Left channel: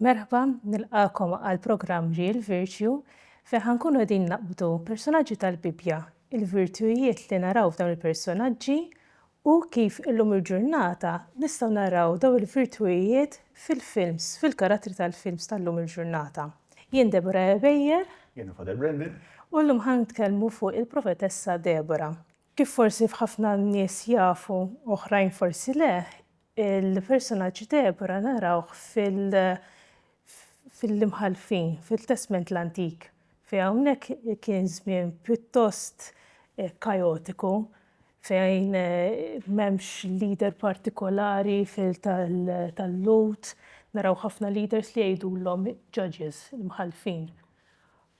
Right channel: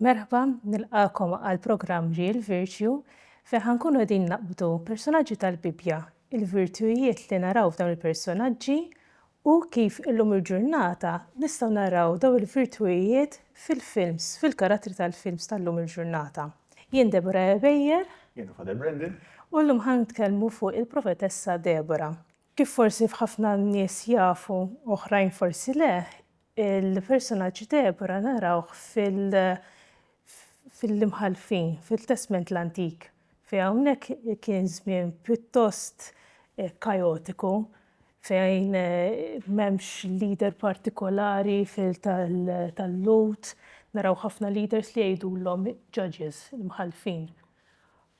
Merħba, nilqakom għal-programm Real Virtue fejn ħankunu qegħdin naqbdu personaġġi tal-Bibja, il-virtujiet li naraw f'dawn il-personaġġi u kif illum il-ġurnata nistgħu naraw dawn il-virtujiet fil-films, fil-karattri tal-films tal-lum il-ġurnata. Jien Debora Ebejjer. Jien Father Brendan. U llum ħanitkellmu fuq il-profetessa Debora. Kif forsi f'ħafna nies jafu, oħrajn forsi le, il-personaġġ Debora narawh fil-imħalfin, fil-Testament l-Antik. Fejn hawnhekk kien żmien pjuttost kaotiku, fejn m'hemmx leader partikolari tal-Lut, naraw ħafna leaders li jgħidulhom judges, imħalfin.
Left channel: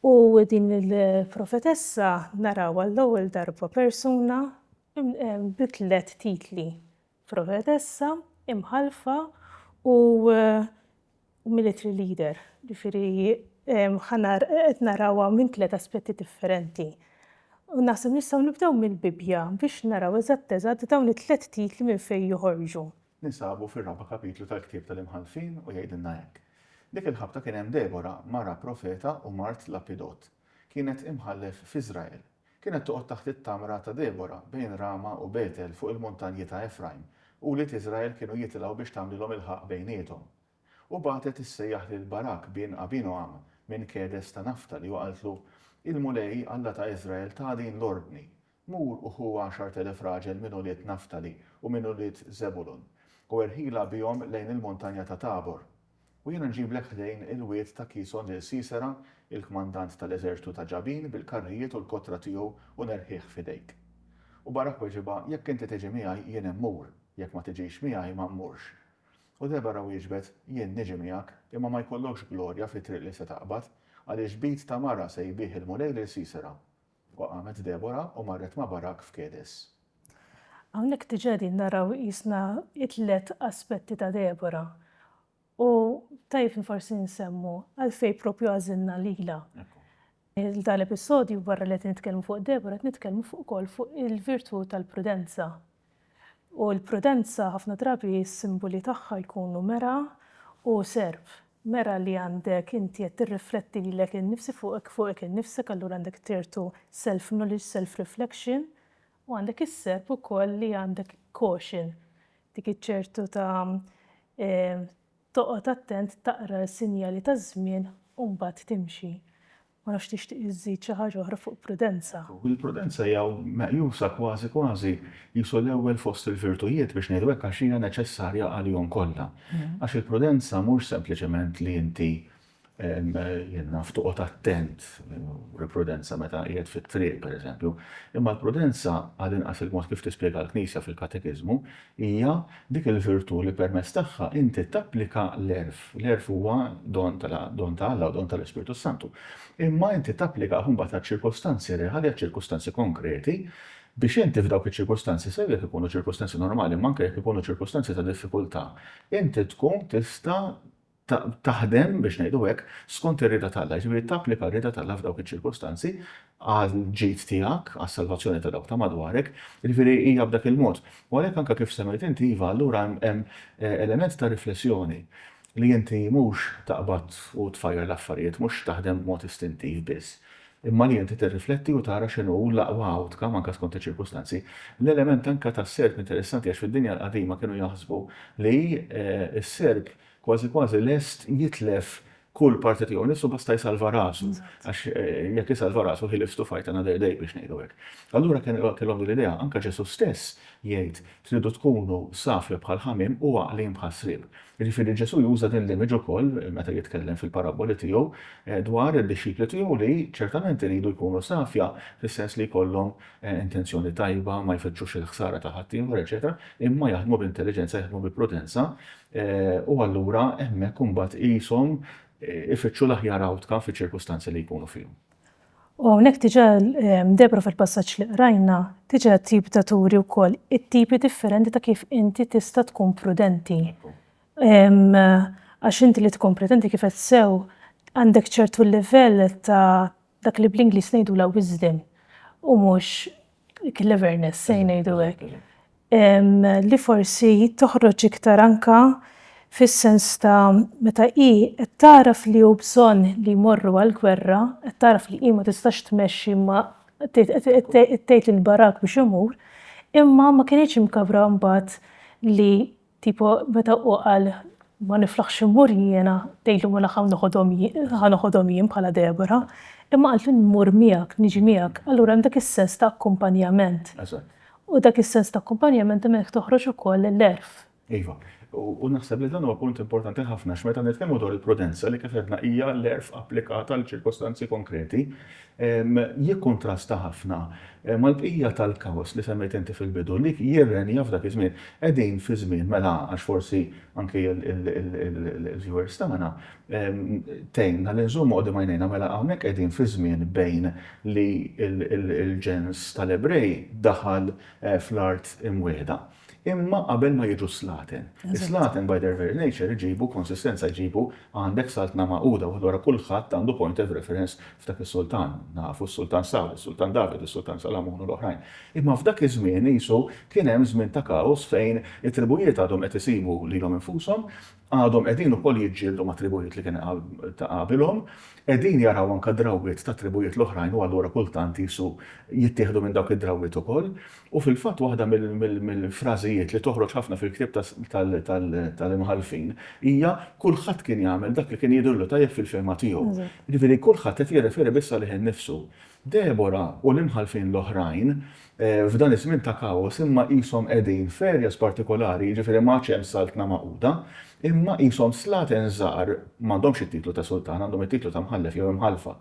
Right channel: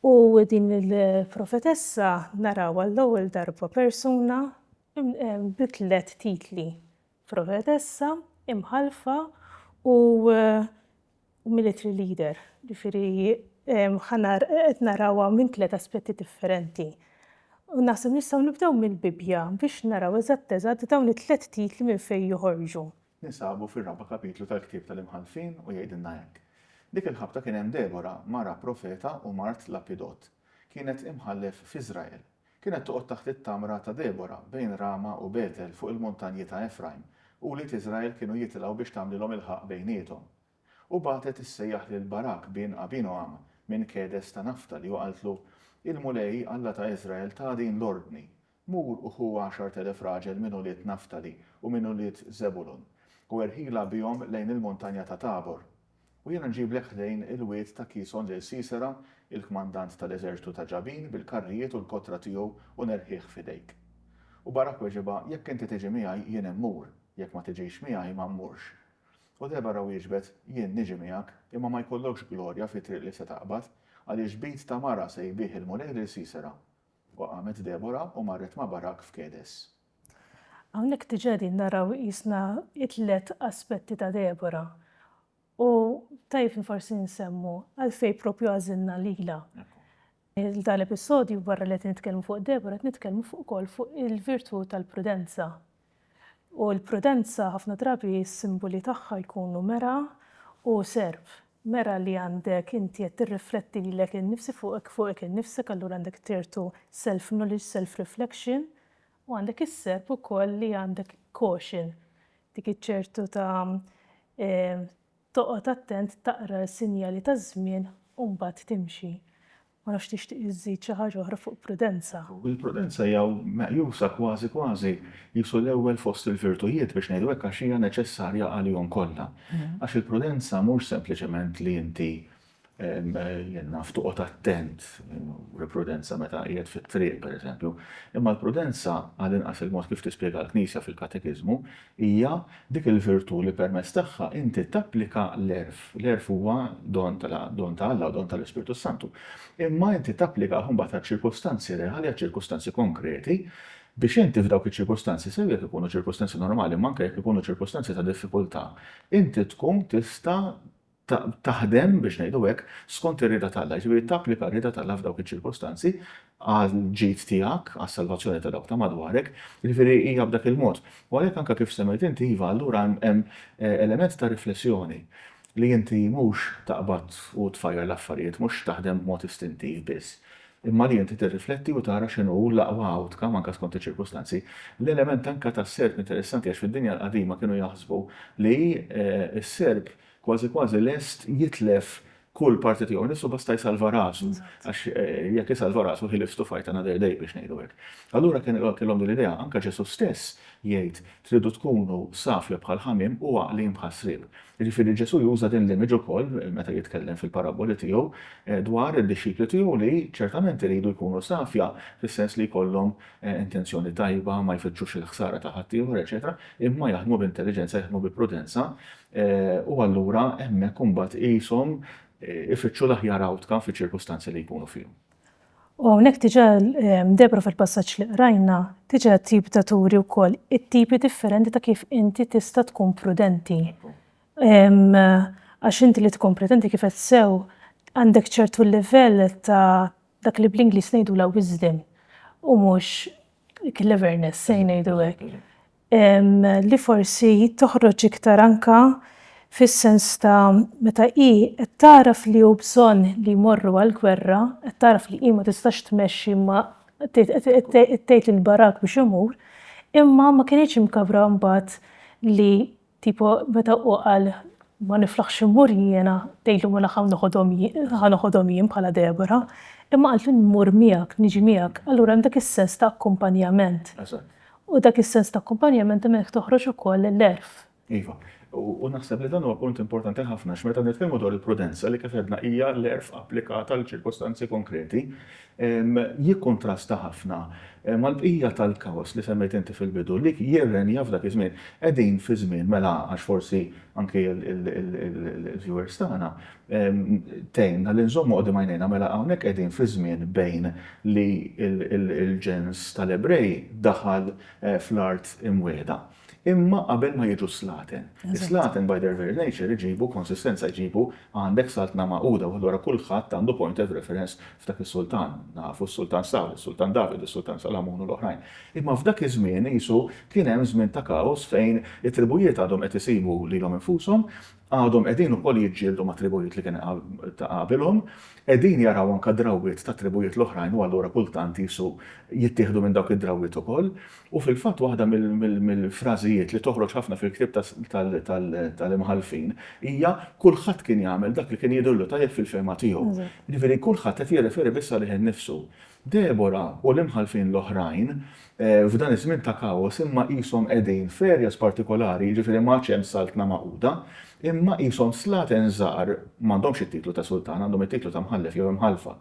U din il-profetessa narawha l-ewwel darba persuna bi 3 titli. Profetessa, imħalfa u military leader. Ġifieri qed narawha minn 3 aspetti differenti. U naħseb nistgħu nibdew mill-Bibja biex naraw eżatt dawn it-3 titli minn fejn joħorġu. Ninsabu fir-raba' kapitlu tal-Ktieb tal-Imħalfin u jgħidilna hekk. Dik il-ħabta kien hemm Debora, mara profeta u mart Lapidot. Kienet imħallef f'Iżrael. Kienet toqgħod taħt it-tamra ta' Debora bejn Rama u Betel fuq il-muntanji ta' Efraim u li Iżrael kienu jitilgħu biex tagħmlilhom il-ħaq bejniethom. U bagħtet issejjaħ lil Barak bin Abinoam minn Kedes ta' Naftali u qaltlu il-mulej Alla ta' Iżrael ta' din l-ordni. Mur u hu 10,000 raġel minn ulied Naftali u minn ulied Zebulun u erħila bihom lejn il-montanja ta' Tabor. U jiena nġiblek ħdejn il-wied ta' Kison lil Sisera, il-kmandant tal-eżerċitu ta' Ġabin bil-karrijiet u l-kotra tiegħu u nerħieħ f'idejk. U Barak weġiba jekk inti tiġi miegħi jien immur, jekk ma tiġix miegħi ma mmurx. U Debora wieġbet jien niġi miegħek imma ma jkollokx glorja fit-triq li se taqbad għaliex bit ta' mara se jbih il-mulej lil Sisera. U qamet Debora u marret ma' Barak f'Kedes. Hawnhekk diġà din naraw qisna it-3 aspetti ta' Debora. U tajjeb forsi nsemmu għalfejn proprju għażilna lilha. Dal-episodju wara li qed nitkellmu fuq Debora qed nitkellmu fuq ukoll fuq il-virtu tal-prudenza. U l-prudenza ħafna drabi s-simboli tagħha jkunu mera u serb. Mera li għandek inti qed tirrifletti lilek innifsi fuqek innifsek, allura għandek tirtu self-knowledge, self-reflection, u għandek is-serb ukoll li għandek caution. Dik iċ-ċertu ta' toqgħod attent taqra s-sinjali ta' żmien u mbagħad timxi. Ma nafx tixtieq iżżid xi ħaġa oħra fuq prudenza. Il-prudenza hija meqjusa kważi qisu l-ewwel fost il-virtujiet biex ngħidu hekk għax hija neċessarja għalihom kollha. Għax il-prudenza mhux sempliċement li inti naf toqgħod attent, prudenza meta qiegħed fit-triq pereżempju, imma l-prudenza għal inqas il-mod kif tispjega l-Knisja fil-Katekiżmu hija dik il-virtu li permezz tagħha inti tapplika l-erf. L-erf huwa don ta' Alla u don tal-Ispiritu Santu. Imma inti tapplika mbagħad għaċ-ċirkostanzi reali, għaċ-ċirkostanzi konkreti biex inti f'dawk iċ-ċirkostanzi se jekk ikunu ċirkostanzi normali, ma anke jekk ikunu ċirkostanzi ta' diffikultà, inti tkun tista' taħdem biex ngħidu hekk skont ir-rieda tal-Alla, ġifieri tapplika r-rieda tal-Alla f'dawk iċ-ċirkostanzi għall-ġid tiegħek, għas-salvazzjoni ta' dawk ta' madwarek, ġifieri hija b'dak il-mod. U għalhekk anke kif semmejt inti iva allura hemm element ta' riflessjoni li inti mhux taqbad u tfajjar l-affarijiet, mhux taħdem b'mod istintiv biss. Imma li inti tirrifletti u tara x'inhu l-aqwa outcome anke skont iċ-ċirkostanzi. L-element anke tas-serb interessanti għax fid-dinja l-qadima kienu jaħsbu li s-serb kważi lest jitlef kull parti tiegħu nifsu basta jsalva rasu. Għax jekk jisalva rasu he lives to fight another day biex ngħidu hekk. Allura kellhom l-idea anke Ġesu stess jgħid tridu tkunu safri bħal ħamim u għaqlin bħal srib. Jiġifieri Ġesu juża din l-image ukoll meta jitkellem fil-paraboli tiegħu dwar id-dixxipli tiegħu li ċertament iridu jkunu safja fis-sens li jkollhom intenzjoni tajba, ma jfittxux il-ħsara ta' ħaddieħor, eċetera, imma jaħdmu b'intelligenza, jaħdmu bi prudenza u allura hemmhekk imbagħad qishom ifittxu l-aħjar outcome fiċ-ċirkustanzi li jkunu fihom. U hawnhekk diġà Debora fil-passaġġ li qrajna diġà tip ta' turi wkoll it-tipi differenti ta' kif inti tista' tkun prudenti. Għax inti li tkun prudenti kif qed sew għandek ċertu livell ta' dak li bl-Ingliż ngħidula wisdom u mhux cleverness se ngħidu hekk. Li forsi toħroġ iktar anke fis-sens ta' meta qed taraf li hu bżonn li jmorru għall-gwerra, qed taraf li ma tistax tmexxi ma tgħid lill-barak biex imur, imma ma kienx imkabra mbagħad li tipo meta hu qal ma niflaħx immur jiena tgħidlu mela ħanoħodhom jien bħala Debora, imma qalt li nmur miegħek, niġi miegħek, allura hemm dak is-sens ta' akkumpanjament. U dak is-sens ta' akkumpanjament hemmhekk toħroġ ukoll l-erf. Iva, u naħseb li dan huwa punt importanti ħafna x'meta nitkellmu dwar il-prudenza li kif qedna hija l-erf applikata għal ċirkostanzi konkreti, jikkontrasta ħafna mal-bqija tal-kaos li semmejt inti fil-bidu li jirrenja f'dak iż-żmien qegħdin fi żmien mela għax forsi anke il-viewers tagħna tgħinna li nżommu qudiem għajnejna mela hawnhekk qegħdin fi żmien bejn li l-ġens tal-Ebrej daħal fl-art imwiegħda. Imma qabel ma jiġu slaten. Slaten by their very nature iġibu konsistenza, iġibu għandek saltna maquda u għadwara kulħadd għandu point of reference f'dak is-sultan. Nafu s-sultan Sawl, is-sultan David, is-sultan Salamun u l-oħrajn. Imma f'dak iż-żmien isu kien hemm żmien ta' kaos fejn it-tribujiet għadhom qed isibu lilhom infushom, għadhom qegħdin ukoll jiġġieldu ma' tribujiet li kien ta' qabilhom, qegħdin jaraw anke drawwiet ta' tribujiet l-oħrajn u allura kultant isu jittieħdu minn dawk id-drawwiet ukoll. U fil-fatt waħda mill-frażijiet li toħroġ ħafna fil-ktieb tal-imħalfin hija kulħadd kien jagħmel dak li kien jidhirlu tajjeb fil-fehma tiegħu. Jiġifieri kulħadd qed jirreferi biss għalih innifsu. Debora u l-imħalfin l-oħrajn f'dan iż-żmien ta' kaos imma qishom qegħdin ferjas partikolari, jiġifieri ma hemm saltna maquda, imma qishom slaten żgħar m'għandhomx it-titlu ta' sultan, għandhom it-titlu ta' mħallef jew imħalfa.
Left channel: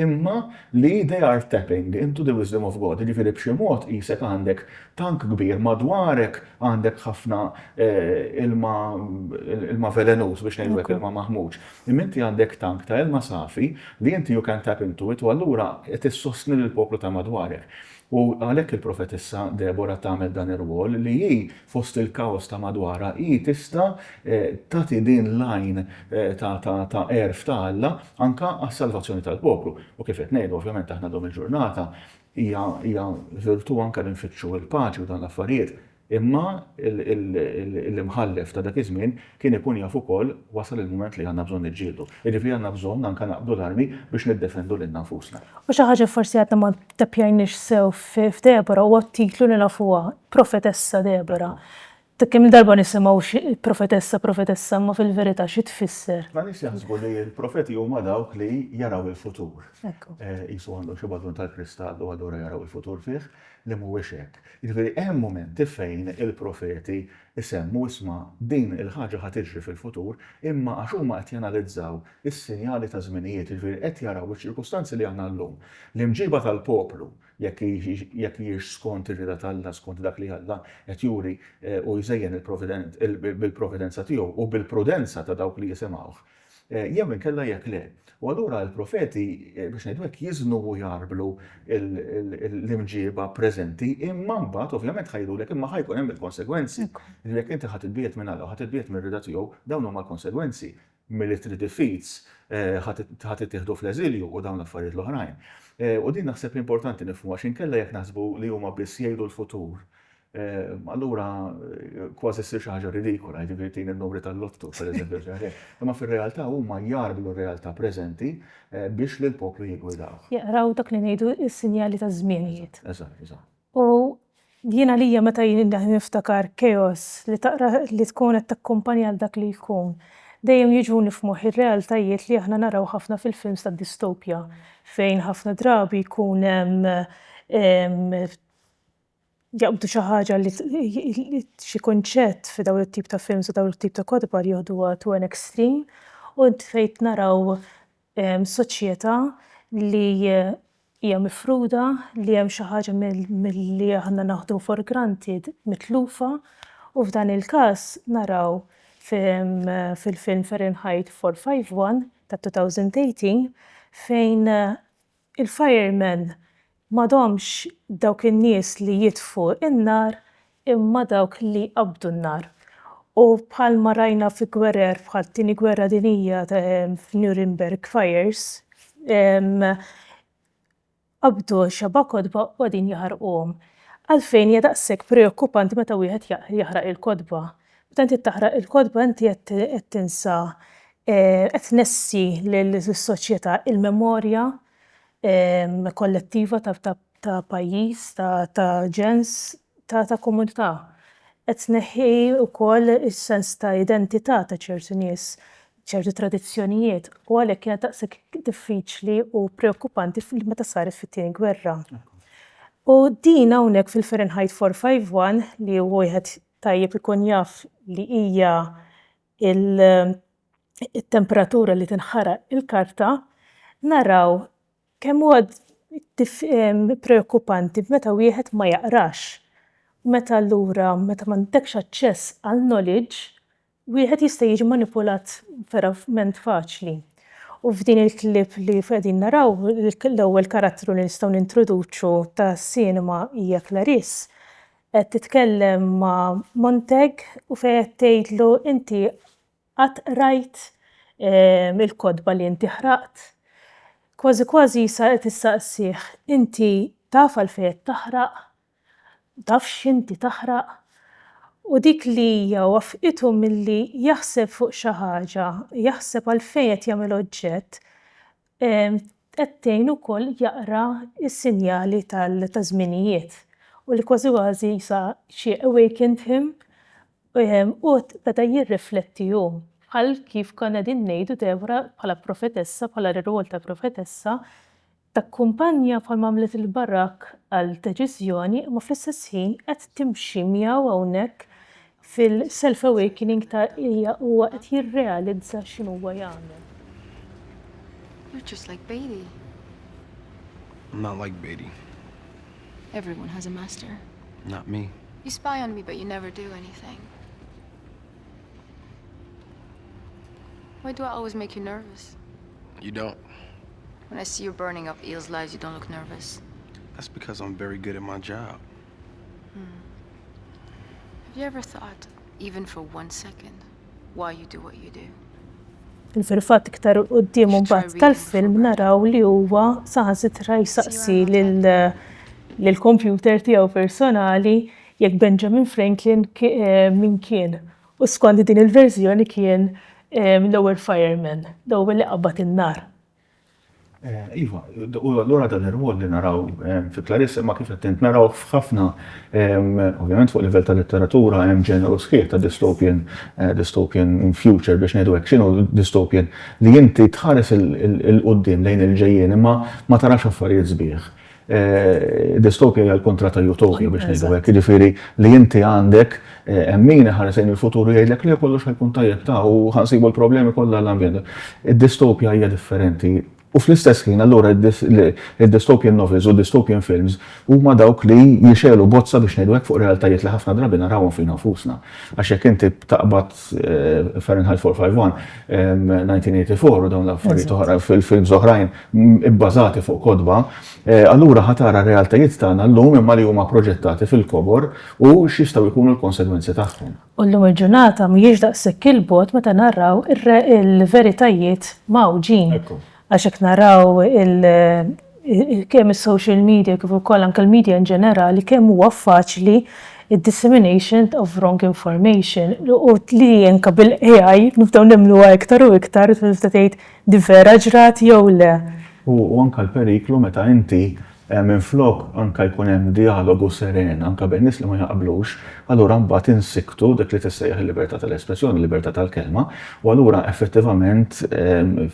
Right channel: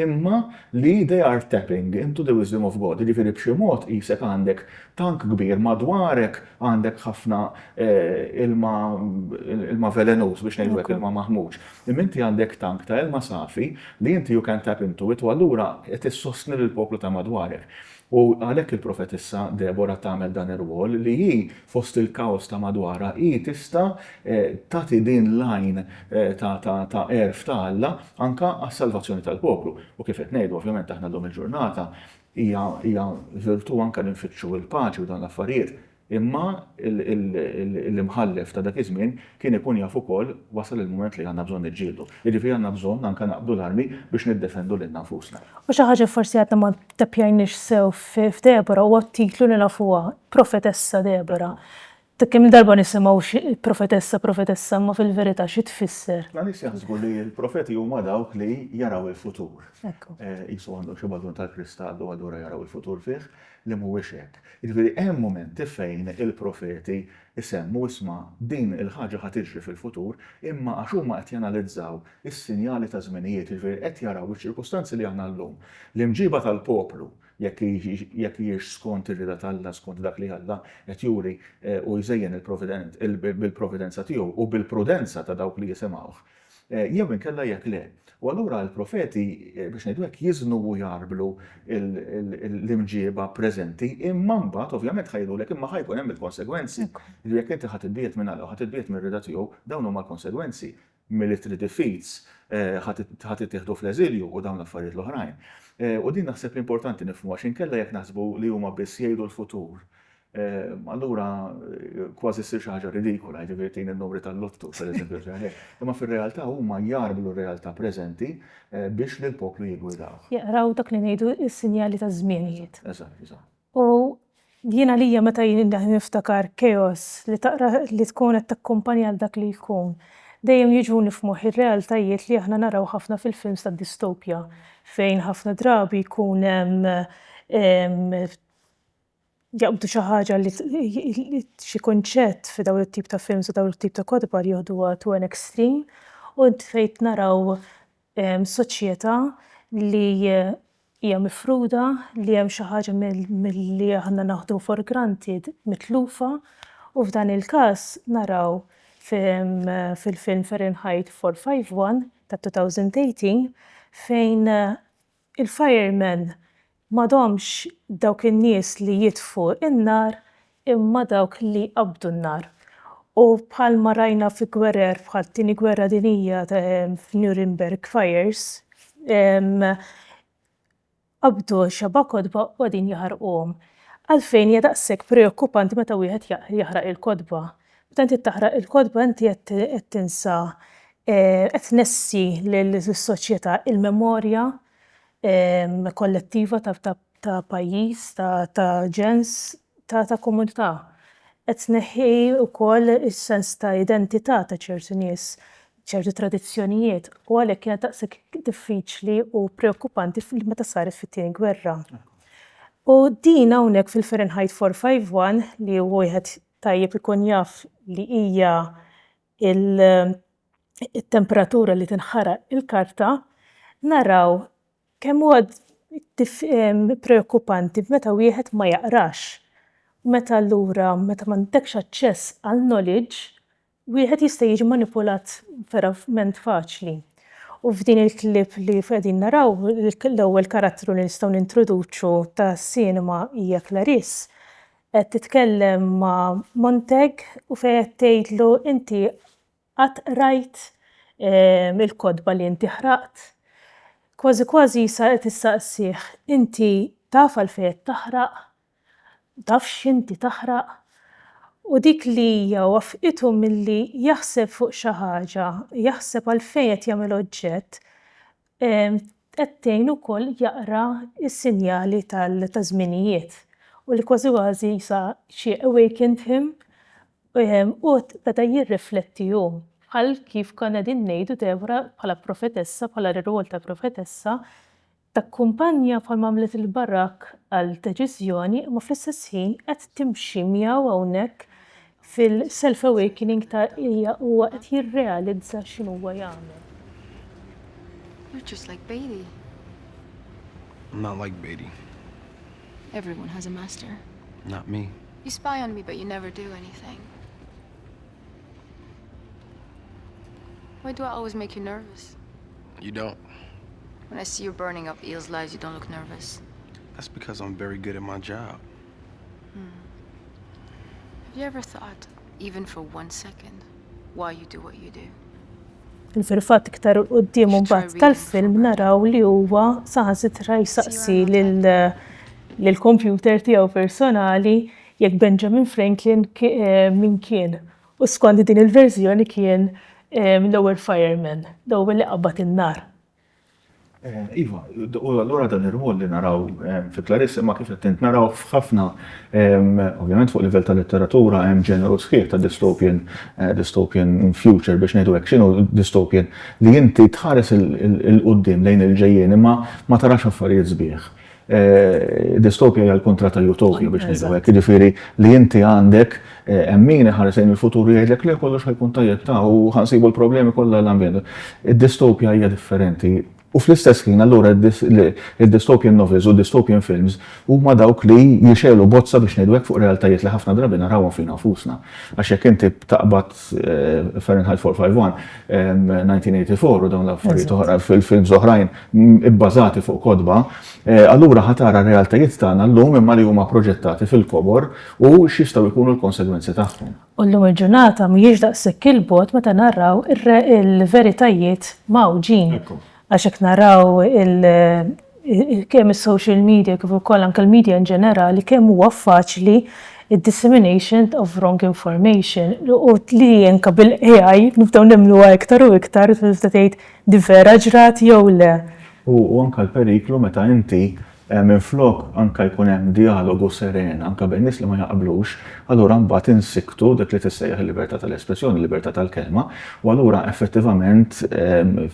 Imma li they are tapping into the wisdom of God, jiġifieri b'xi mod qisek għandek tank kbir madwarek għandek ħafna ilma velenus biex ngħidlek ilma maħmuġ. Imma inti għandek tank ta' ilma safi li inti you can tap into it u allura qed issostni lill-poplu ta' madwarek. U għalhekk il-profetessa Debora tagħmel dan ir-rwol li hi fost il-kaos ta' madwara hi tista' tagħti din lajn ta' erf ta' Alla anke għas-salvazzjoni tal-poplu. U kif qed ngħidu ovvjament aħna dom il-ġurnata hija virtu anke li nfittxu l-paċi u dan l-affarijiet. Imma l-imħallef ta' dak iż-żmien kien ikun jaf ukoll wasal il-mument li għandna bżonn niġġieldu. Jiġifieri għandna bżonn anke naqbdu l-armi biex niddefendu lil nfusna. U xi ħaġa forsi għadna ma tappjajniex sew f'Debora huwa t-titlu li nafuha, Profetessa Debora. Kemm darba nisimgħu profetessa ma fil-verità xi tfisser. Ma nies jaħsbu li l-profeti huma dawk li jaraw il-futur. Qisu għandhom xi badun tal-kristall u allura jaraw il-futur fih li mhuwiex hekk. Jiġifieri hemm momenti fejn il-profeti isemmu isma' din il-ħaġa ħad tiġri fil-futur imma għax huma qed janalizzaw is-sinjali ta' żminijiet, jiġifieri qed jaraw iċ-ċirkustanzi li għandna llum. L-imġiba tal-poplu jekk jiex skont ir-rida tal-Alla, skont dak li Alla qed juri u jżejjen bil-providenza tiegħu u bil-prudenza ta' dawk li jisimgħuh. Jew inkella jekk le. U allura l-profeti biex ngħidu hekk jiżnu u jarblu l-imġiba preżenti imma mbagħad ovvjament ħajdulek imma ħajkun hemm il-konsegwenzi. Jekk inti ħadd itbiet minn Alla u ħadd itbiet mir-rida tiegħu dawn huma l-konsegwenzi. Military defeats ħadd ittieħdu fl-eżilju u dawn l-affarijiet l-oħrajn. U din naħseb importanti nifhmu għax inkella jekk naħsbu li huma biss jgħidu l-futur. Allura kważi ssir xi ħaġa ridikola, jiġifieri tin in-numri tal-lottu pereżempju. Imma fir-realtà huma jarblu r-realtà preżenti biex lil poplu jiggwidaw. Jaqraw dak li ngħidu s-sinjali ta' żmienijiet. Eżatt. U jiena lija meta niftakar chaos li taqra li tkun qed takkumpanja għal dak li jkun. Dejjem jiġu nifhmuh ir-realtajiet li aħna naraw ħafna fil-films tad-distopja fejn ħafna drabi jkun hemm jaqbdu xi ħaġa li xi kunċett fi dawn it-tip ta' films u dawn it-tip ta' kotba li jieħduha to an extreme u fejn naraw soċjetà li hija mifruda li hemm xi ħaġa milli aħna naħdu for granted mitlufa u f'dan il-każ naraw fil-film Fahrenheit 451 ta' 2018 fejn il-firemen m'għadhomx dawk in-nies li jitfgħu in-nar imma dawk li qabdu n-nar. U bħalma rajna fi gwerer bħal tieni gwerra dinjija f'Nuremberg Fires qabdu xabak kotba u għadin jaħarquhom. Għalfejn hija daqshekk preokkupanti meta wieħed jaħraq il-kotba. inti taħraq il-kodba inti qed tinsa qed tnessi lis-soċjetà il-memorja kollettiva ta' pajjiż, ta' ġens, ta' komunità. Qed tneħħi wkoll is-sens ta' identità ta' ċertu nies, ċertu tradizzjonijiet, u għalhekk kienet daqshekk diffiċli u preokkupanti meta saret fit-tieni gwerra. U din hawnhekk fil-Fahrenheit 451 li wieħed tajjeb ikun jaf li hija il-temperatura li tinħaraq il-karta, naraw kemm huwa preokkupanti meta wieħed ma jaqrax. Meta allura meta m'għandekx aċċess għal knowledge, wieħed jista' jiġi manipulat verament faċli. U f'din il-klip li qegħdin naraw l-ewwel karattru li nistgħu nintroduċu tas-sinema hija Clarice qed titkellem ma' Montag u fejn qed tgħidlu inti qatt rajt il-kodba li inti ħraqt. Kważi sa qed issaqsih inti taf għalfejn qed taħraq, taf x'inti taħraq. U dik li hija wafqitu milli jaħseb fuq xi ħaġa, jaħseb għalfejn qed jagħmel oġġett, qed tgħin ukoll jaqra s-sinjali ta' żminijiet. U li kważi sa she awakened him u beda jirrifletti hu. Bħal kif konna qegħdin ngħidu Deborah bħala profetessa, bħala r-rwol ta' profetessa, takkumpanja bħalma għamlet il-Barak għal deċiżjoni, ma fl-istess ħin qed timxi miegħu hawnhekk fil-self-awakening ta' huwa qed jirrealizza x'inhu huwa jagħmel. You're just like Beatty. I'm not like Beatty. Everyone has a master. Not me. You spy on me, but you never do anything. Why do I always make you nervous? You don't. When I see you burning up Eel's lives, you don't look nervous. That's because I'm very good at my job. Have you ever thought, even for 1 second, why you do what you do? Fil-fatt iktar quddiem mbagħad tal-film naraw li huwa saħansitra jsaqsi lill-computer tiegħu personali jekk Benjamin Franklin min kien. U skont din il-verżjoni kien l-ewwel fireman, l-ewwel li qabad in-nar. Iva, u allura dan ir-rwol li naraw fi Clarice ma kif qed naraw f'ħafna, ovvjament fuq livell ta' letteratura hemm ġeneru sħiħ ta' dystopian future biex ngħidu hekk x'inhu dystopian li inti tħares il-qudiem lejn il-ġejjien imma ma tarax affarijiet sbieħ. Dystopja hija l-kontra ta' utopja biex ngħidu hekk, jiġifieri li inti għandek min ħares lejn il-futur jgħidlek li kollox ħajkun tajjeb ta' u ħansibu l-problemi kollha l-ambjent. Id-dystopja hija differenti. U fl-istess ħin allura id-dystopian novels u dystopian films huma dawk li jixelu bozza biex ngħidu hekk fuq realtajiet li ħafna drabi narawhom fina nfusna. Għax jekk inti taqbad Fahrenheit 451 1984 u dawn l-affarijiet oħra fil-films oħrajn ibbażati fuq kodba, allura ħatara realtajiet tagħna llum imma li huma proġettati fil-kobor u x'jistgħu jkunu l-konsegwenzi tagħhom. U llum il-ġurnata mhijiex daqshekk il-bogħod meta narraw il-veritajiet mawġin. Għax hekk naraw kemm is-social media kif ukoll anke l-media in ġenerali kemm huwa faċli id-dissemination of wrong information u li anke bil-AI nibdew nemmluha iktar u iktar tgħid di vera ġrat jew le. U anke l-periklu meta inti minflok anke jkun hemm dialogu seren anke bejn nies li ma jaqblux, allura mbagħad insiktu dik li tissejjaħ il-libertà tal-espressjoni, il-libertà tal-kelma, u allura effettivament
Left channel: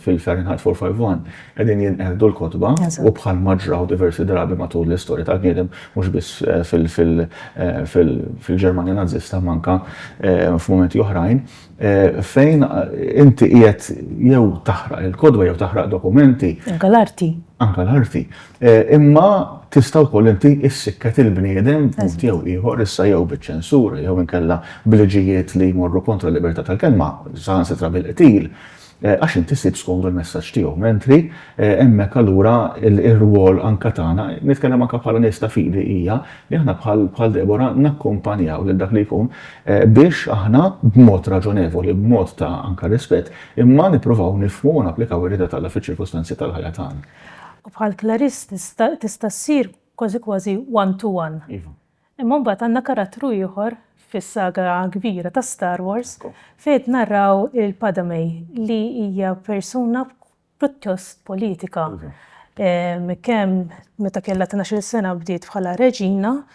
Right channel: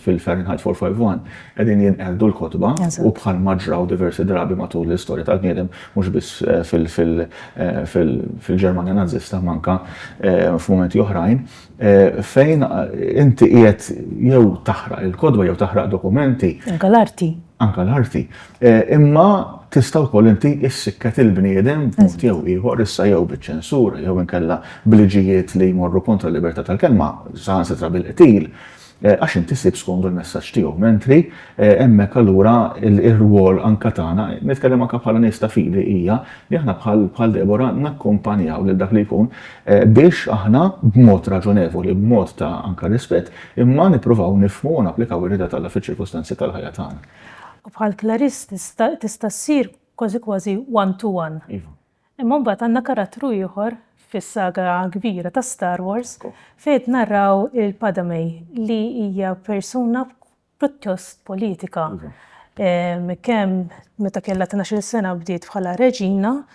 fil-Fahrenheit 451 qegħdin jinqerdu l-kotba u bħalma ġraw diversi drabi matul l-istorja tal-bniedem mhux biss fil-Ġermanja Nazzista manka f'mumenti oħrajn fejn inti qiegħed jew taħraq il-kodba jew taħraq dokumenti. Anke l-arti. Imma tista' wkoll inti issikket il-bniedem punt jew ieħor issa jew biċ-ċensura jew inkella bil-liġijiet li jmorru kontra l-libertà tal-kelma saħansitra bil-qtil għax inti ssib skondu l-messaġġ tiegħu. Mentri hemmhekk allura ir-rwol anke tagħna, nitkellem anke bħala nies ta' fidi hija li aħna bħal Deborah nakkumpanjaw lil dak li jkun biex aħna b'mod raġonevoli, b'mod ta' anke rispett, imma nippruvaw nifhmu u napplikaw ir-rieda tagħna fiċ-ċirkostanzi tal-ħajja tagħna. U bħal Clarice tista' ssir kważi one to one. Imma mbagħad għandna karattru ieħor fis-saga kbira ta' Star Wars fejn narraw il-Padmé li hija persuna pjuttost politika. Kemm meta kellha 12 sena bdiet bħala reġina,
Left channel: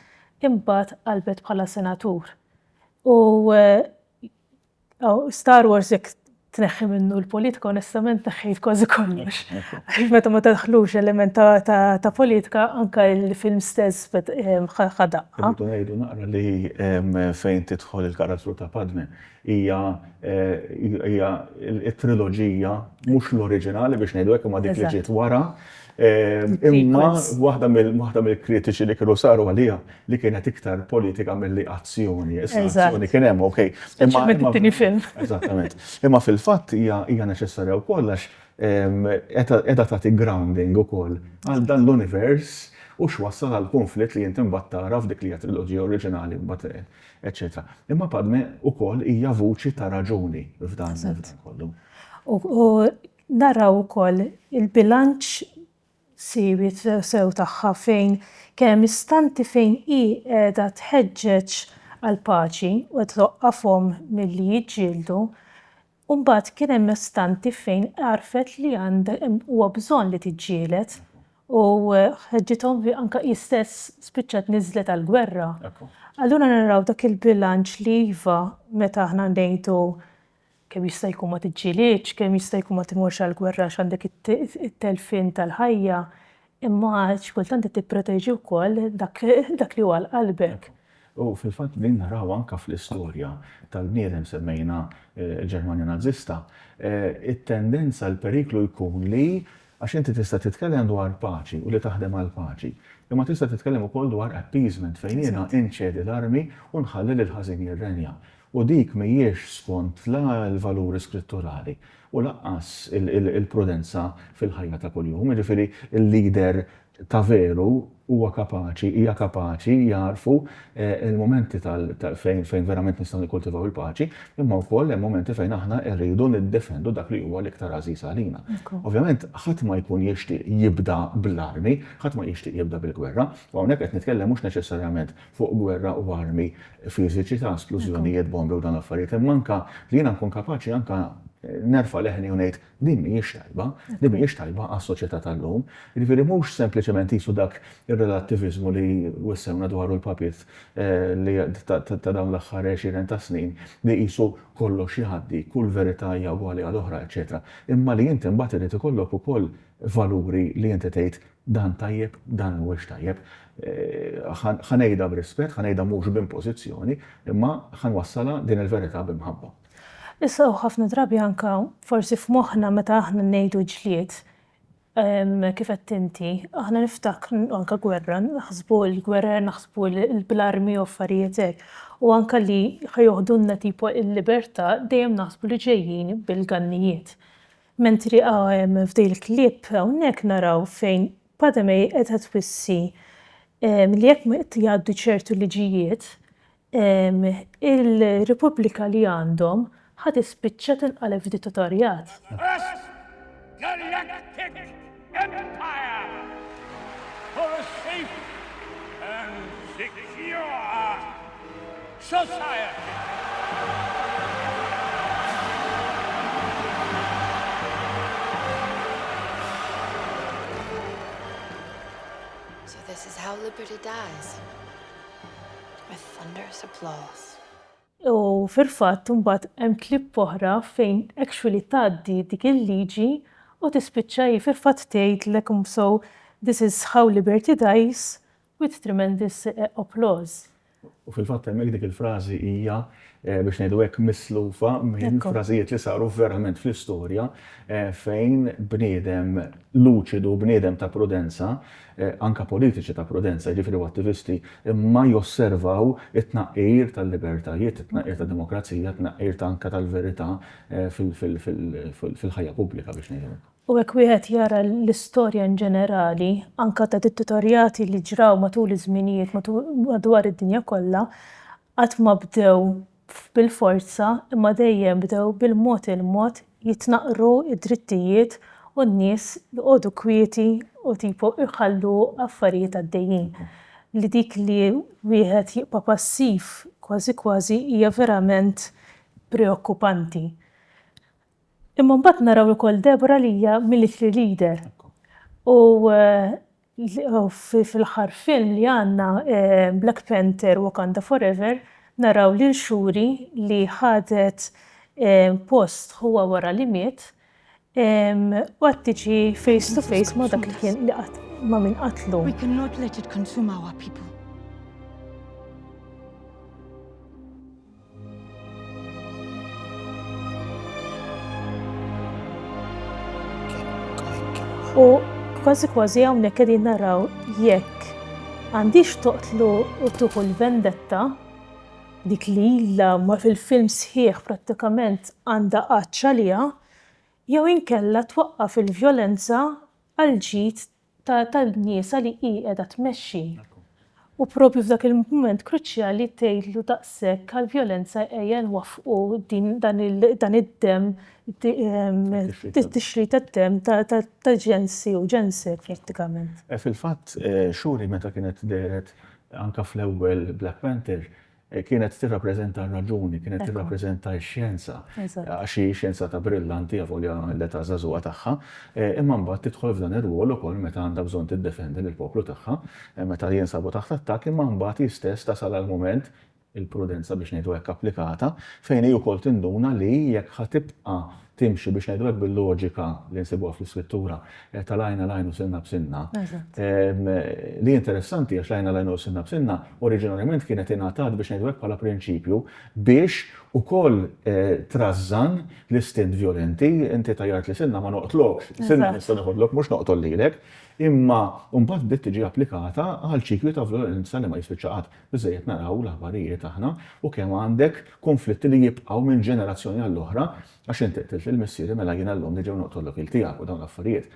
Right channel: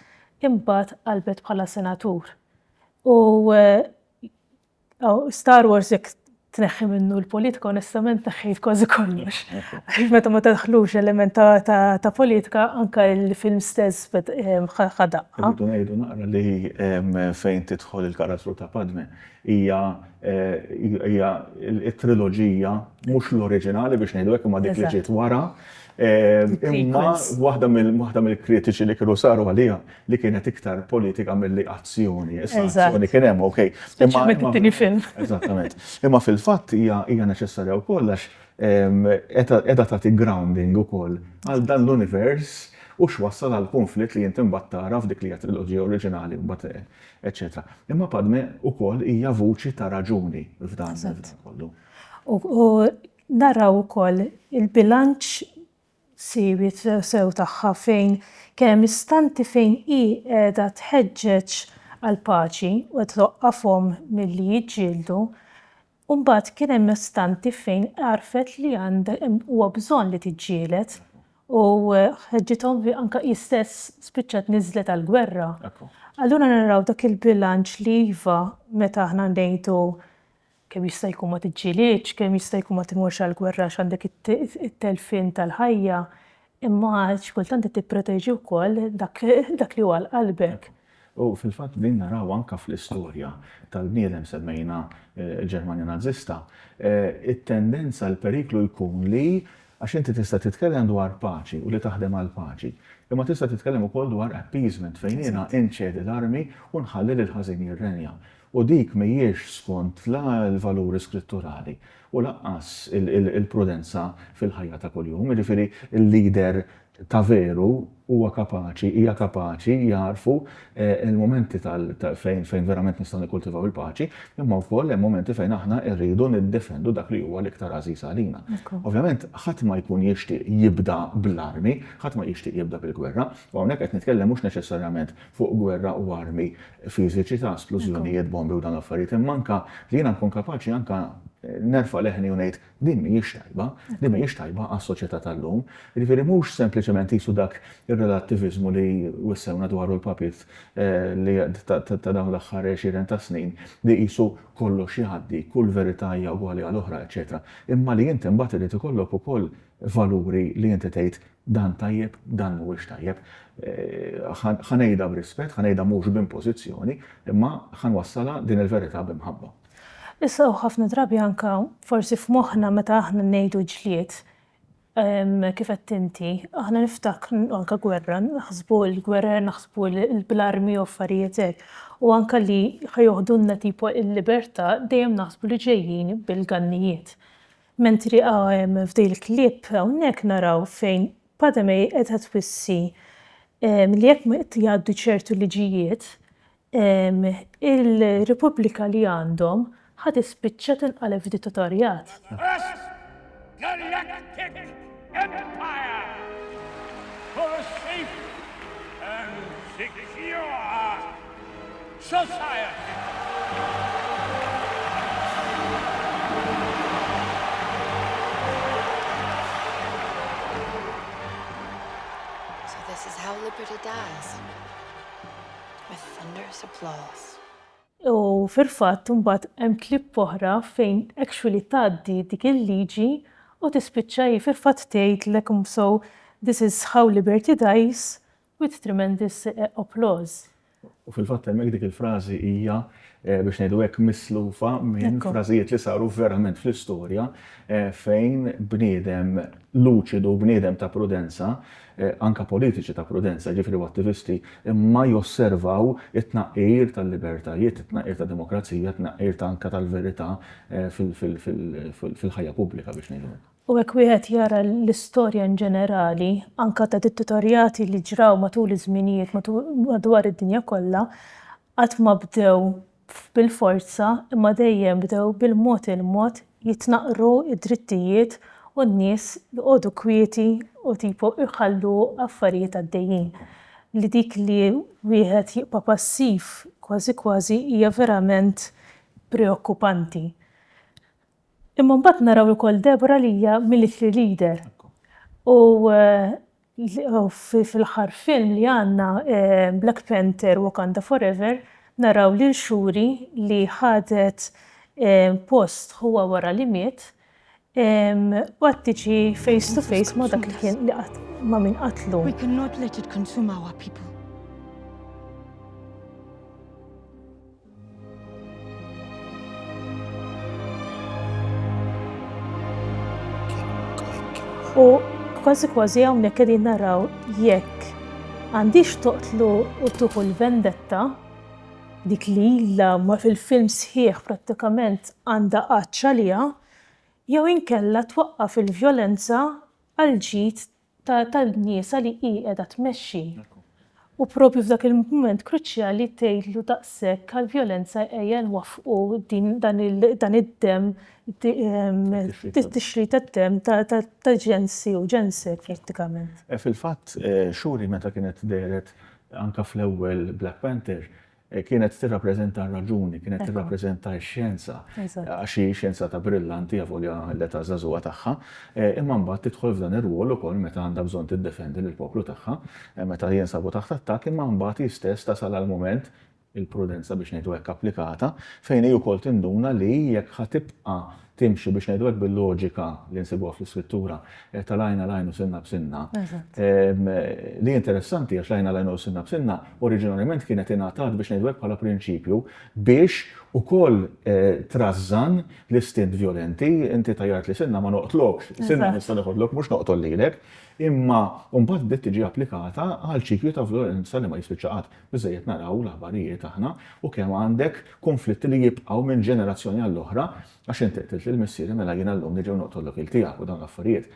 imbagħad qalbet bħala senatur. U Star Wars jekk tneħħi minnu l-politika, onestament neħħejt kważi kollox. Meta ma tadħlux element ta' politika, anke il-film stess ħadaq. Irridu ngħidu naqra li fejn tidħol il-karattru ta' Padme hija t-triloġija mhux l-oriġinali biex ngħidu hekk imma dik li ġiet wara. Imma waħda mill-kritiċi li kienu saru għalija li kienet iktar politika milli azzjoni. Azzjoni kien hemm, okej. It-tieni film. Eżattament. Imma fil-fatt hija neċessarja wkoll għax qiegħda tagħti grounding ukoll għal dan l-univers u x'wassal għal konflitt li inti mbagħad tara f'dik li hija triloġija oriġinali mbagħad eċetera. Imma Padme ukoll hija vuċi ta' raġuni f'dan kollu. U naraw ukoll il-bilanċ siwi sew tagħha fejn kemm istanti fejn hi qiegħda tħeġġeġ għal paċi u toqqafhom milli jiġġieldu, u mbagħad kien hemm istanti fejn għarfet li huwa bżonn li tiġġieled u ħeġġithom anke hi stess spiċċat niżlet għall-gwerra. Allura naraw dak il-bilanċ li iva meta aħna ngħidu kemm jista' jkun ma tiġġielidx, kemm jista' jkun ma timurx għall-gwerra x'għandek it-telfin tal-ħajja, imma x'kultant tipproteġi wkoll dak li huwa l-qalbek. U fil-fatt din naraw anke fl-istorja tal-bniedem semmejna l-Ġermanja Nazzista, it-tendenza l-periklu jkun li għax inti tista' titkellem dwar paċi u li taħdem għal paċi, imma tista' titkellem ukoll dwar appeasement fejn jiena inċedi l-armi u nħalli lil ħażin jirrenja. U dik mhijiex skont la l-valuri skritturali u laqqas il-prudenza fil-ħajja ta' kuljum. Jiġifieri il-lider ta' veru huwa kapaċi, hija kapaċi jarfu il-momenti fejn verament nistgħu nikkultivaw il-paċi, imma wkoll hemm momenti fejn aħna rridu niddefendu dak li huwa l-iktar għażiż għalina. Ovvjament ħadd ma jkun jixtieq jibda bl-armi, ħadd ma jixtieq jibda bil-gwerra, u hawnhekk qed nitkellem mhux neċessarjament fuq gwerra u armi fiżiċi ta' esplużjonijiet, bombi u dan affarijiet, imma anke li jiena nkun kapaċi anke nerfa' leħni u ngħid din mhijiex tajba għas-soċjetà tal-lum. Jiġifieri mhux sempliċement qisu dak ir-relattivizmu li wissewna dwaru l-papiet li ta' dawn l-aħħar 20 ta' snin li qisu kollox jgħaddi, kull verità hija ugwali għal oħra, eċetera. Imma li inti mbagħad irid ikollok ukoll valuri li inti tgħid dan tajjeb, dan mhuwiex tajjeb. Ħanejda b'rispett, ħanejda mhux b'impożizzjoni, imma ħanwassala din il-verità b'imħabba. Issa ħafna drabi anke forsi f'moħħna meta aħna ngħidu ġlied kif qed inti, aħna niftakru anke gwerra, naħsbu l-gwerra, naħsbu l-armi u affarijiet hekk. U anke li ħajoħdulna tipo l-libertà dejjem naħsbu li ġejjin bil-gannijiet. Mentri f'dej il-klipp hawnhekk naraw fejn Padmé qed twissi li jekk ma jgħaddu ċertu liġijiet, il-Repubblika li għandhom ħad ispiċċa tinqaleb f'dittatorjat. Galactic Empire for a safe and secure society. So this is how liberty dies. With thunderous applause. U fil-fatt mbagħad hemm klipp oħra fejn actually tgħaddi dik il-liġi u tispiċċa fil-fatt tgħidlek so this is how liberty dies with tremendous applause. U fil-fatt hemmhekk dik il-frażi hija biex ngħidu hekk mislufa minn frażijiet li saru verament fl-istorja fejn bniedem luċidu, bniedem ta' prudenza, anke politiċi ta' prudenza, jiġifieri attivisti, imma josservaw it-tnaqqir tal-libertajiet, it-tnaqqir tad-demokrazija, it-tnaqqir anke tal-verità fil-ħajja pubblika biex ngħidu. U hekk wieħed jara l-istorja in ġenerali, anke ta' dittatorjati li ġraw matul iż-żminijiet madwar id-dinja kollha, qatt ma bdew bil-forza imma dejjem bdew bil-mod il-mod jitnaqqru id-drittijiet u n-nies li qogħdu kwieti u tipo iħallu affarijiet għaddejjin. li dik li wieħed jibqa' passiv kważi hija verament preokkupanti. Imma mbagħad naraw ukoll Deborah li hija military leader. U fil-aħħar film li għandna Black Panther Wakanda Forever naraw lil Shuri li ħadet post huwa wara li miet u qed tiġi face to face ma' dak li kien li ma' min qatlu. We cannot let it consume our people. U kważi hawnhekk qegħdin naraw jekk għandix toqtlu u tuħu l-vendetta dik li ilha ma fil-film sħiħ prattikament għandha qaċċa liha jew inkella twaqqaf il-vjolenza għal ġid tal-nies li hi qiegħda tmexxi. U propju f'dak il-mument kruċjali tgħidlu daqshekk għall-vjolenza ejja nwaffqu dan id-dem tixrid tad-dem ta' ġensi u ġensek prattikament. Fil-fatt, Shuri meta kienet deret anka fl-ewwel Black Panther kienet tirrappreżenta r-raġuni, kienet tirrappreżenta x-xjenza. Għax hi xjenza ta' brillanti għavolja l-età żagħżugħa tagħha, imma mbagħad tidħol f'dan ir-rwol ukoll meta għandha bżonn tiddefendi lill-poplu tagħha, meta jinsabu taħt attakk, imma mbagħad istess tasal għall-mument il-prudenza biex ngħidu hekk applikata fejn hi wkoll tinduna li jekk ħatibqa' timxi biex ngħidu hekk bil-loġika li nsibuha fl-iskrittura tal-għajna l-għajn u sinna b'sinna. Li interessanti għax l-għajna l-għajn u sinna b'sinna oriġinarjament kienet ingħatat biex ngħidu hekk bħala prinċipju biex ukoll trażżan l-istint vjolenti, inti tajjart li sinna ma noqtlokx, sinna nista' noħodlok mhux noqtol lilek, imma mbagħad bdiet tiġi applikata għal ċiklu ta' vjolenza li ma jispiċċa qatt. Biżżejjed naraw l-aħbarijiet aħna u kemm għandek konflitti li jibqgħu minn ġenerazzjoni għall-oħra għax inti qtilt il-missieri mela jien llum niġew noqtollok il-tiegħek u dawn l-affarijiet.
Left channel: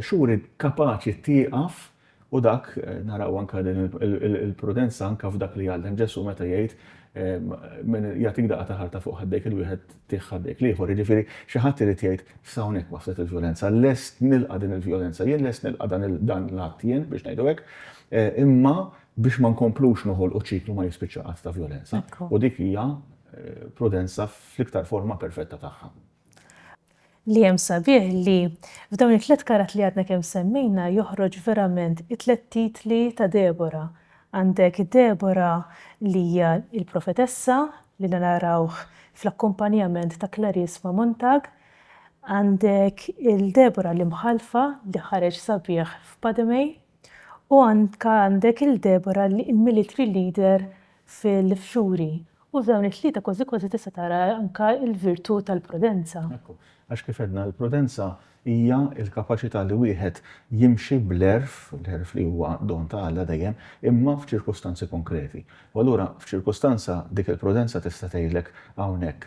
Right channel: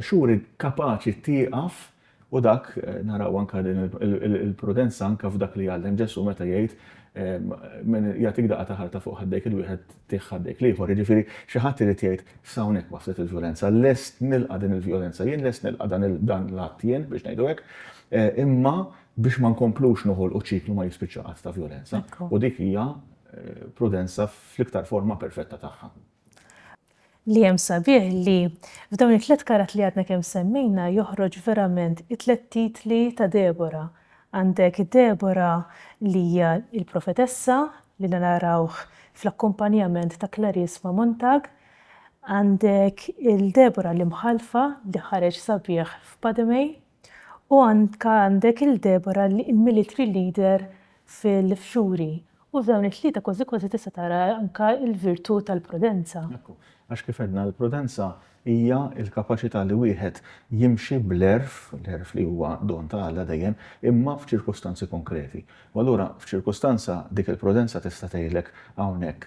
Shuri kapaċi tieqaf u dak naraw anke din il-prudenza anke f'dak li għallem Ġesu meta jgħid jagħtik daqqa ta' ħarta fuq ħaddejk il-wieħed tieħ ħaddejk liħor, jiġifieri xi ħadd irid jgħid f'hawnhekk waslet il-vjolenza, lest nilqa' din il-vjolenza, jien lest nilqa' dan l-att jien biex ngħidu hekk, imma biex ma nkomplux noħolqu ċiklu ma jispiċċa qatt ta' vjolenza. U dik hija prudenza fl-iktar forma perfetta tagħha. Li hemm sabiħ li f'dawn it-tliet karat li għadna kemm semmejna joħroġ verament it-tliet titli ta' Deborah. Għandek Deborah li hija il-profetessa li narawh fl-akkumpanjament ta' Clarice Montag, għandek il-Deborah li mħalfa li ħareġ sabiħ f'Padmé u għandek il-Deborah li il-military leader fil-Shuri. U f'dawn it-tlieta kważi tista' tara anke l-virtù tal-prudenza. Għax kif għedna l-prudenza hija l-kapaċità li wieħed jimxi bl-erf, l-erf li huwa don ta' Alla dejjem, imma f'ċirkostanzi konkreti. U allura f'ċirkostanza dik il-prudenza tista' tgħidlek hawnhekk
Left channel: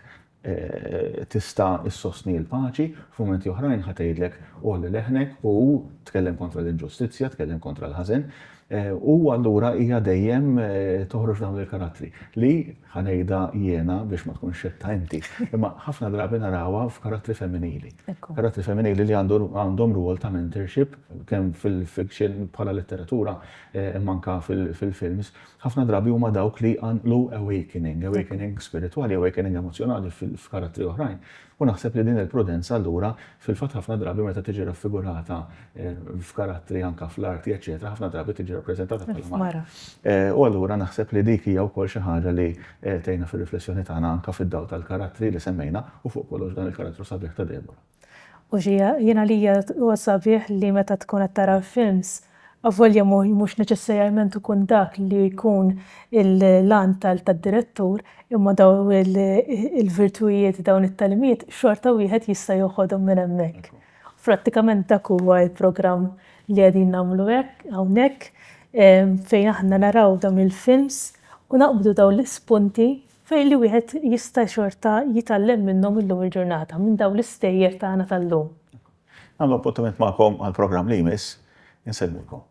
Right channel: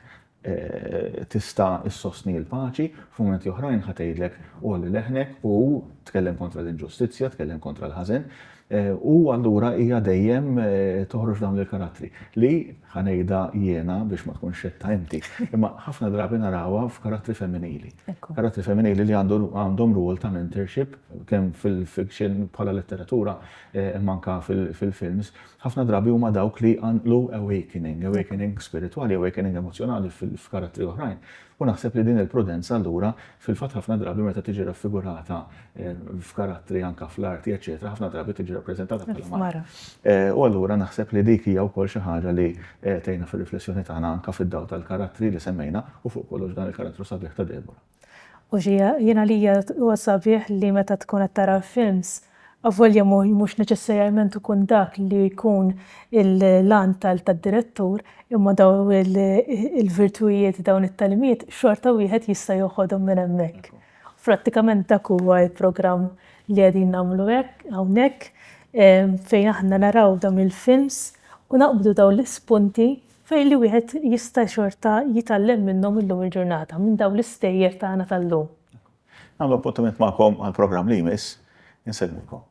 tista' issostni l-paċi, f'mumenti oħrajn ħa tgħidlek olli leħnek u tkellem kontra l-inġustizzja, tkellem kontra l-ħażen. U allura hija dejjem toħroġ dawn il-karattri li ħanejda jiena biex ma tkunx xetta inti. Imma ħafna drabi narawha f'karattri femminili. Karattri femminili li għandhom rwol ta' mentorship kemm fil-fiction bħala letteratura imma anke fil-films. Ħafna drabi huma dawk li għandlu awakening spiritwali, awakening emozjonali f'karattri oħrajn. U naħseb li din il-prudenza allura fil-fatt ħafna drabi meta tiġi raffigurata f'karattri anke fl-arti, eċetera, ħafna drabi tiġi rappreżentata bħala mara. U allura naħseb li dik hija wkoll xi ħaġa li tgħinna fir-riflessjoni tagħna anke fid-dawl tal-karattri li semmejna u fuq kollox dan il-karattru sabiħ ta' Deborah. U jiena li huwa sabiħ li meta tkun qed tara films avolja mhux neċessarjament ikun dak li jkun il-lan tad-direttur imma daw il-virtujiet dawn it-talimiet xorta wieħed jista' joħodhom minn hemmhekk. Prattikament dak huwa l-programm li qegħdin nagħmlu hekk hawnhekk fejn aħna naraw dawn il-films u naqbdu dawn l-ispunti fejn li wieħed jista' xorta jitgħallem minnhom illum il-ġurnata minn dawn l-istejjer tagħna tal-lum. Għamlu appuntament magħkom għall-programm li jmiss, insellmulkom.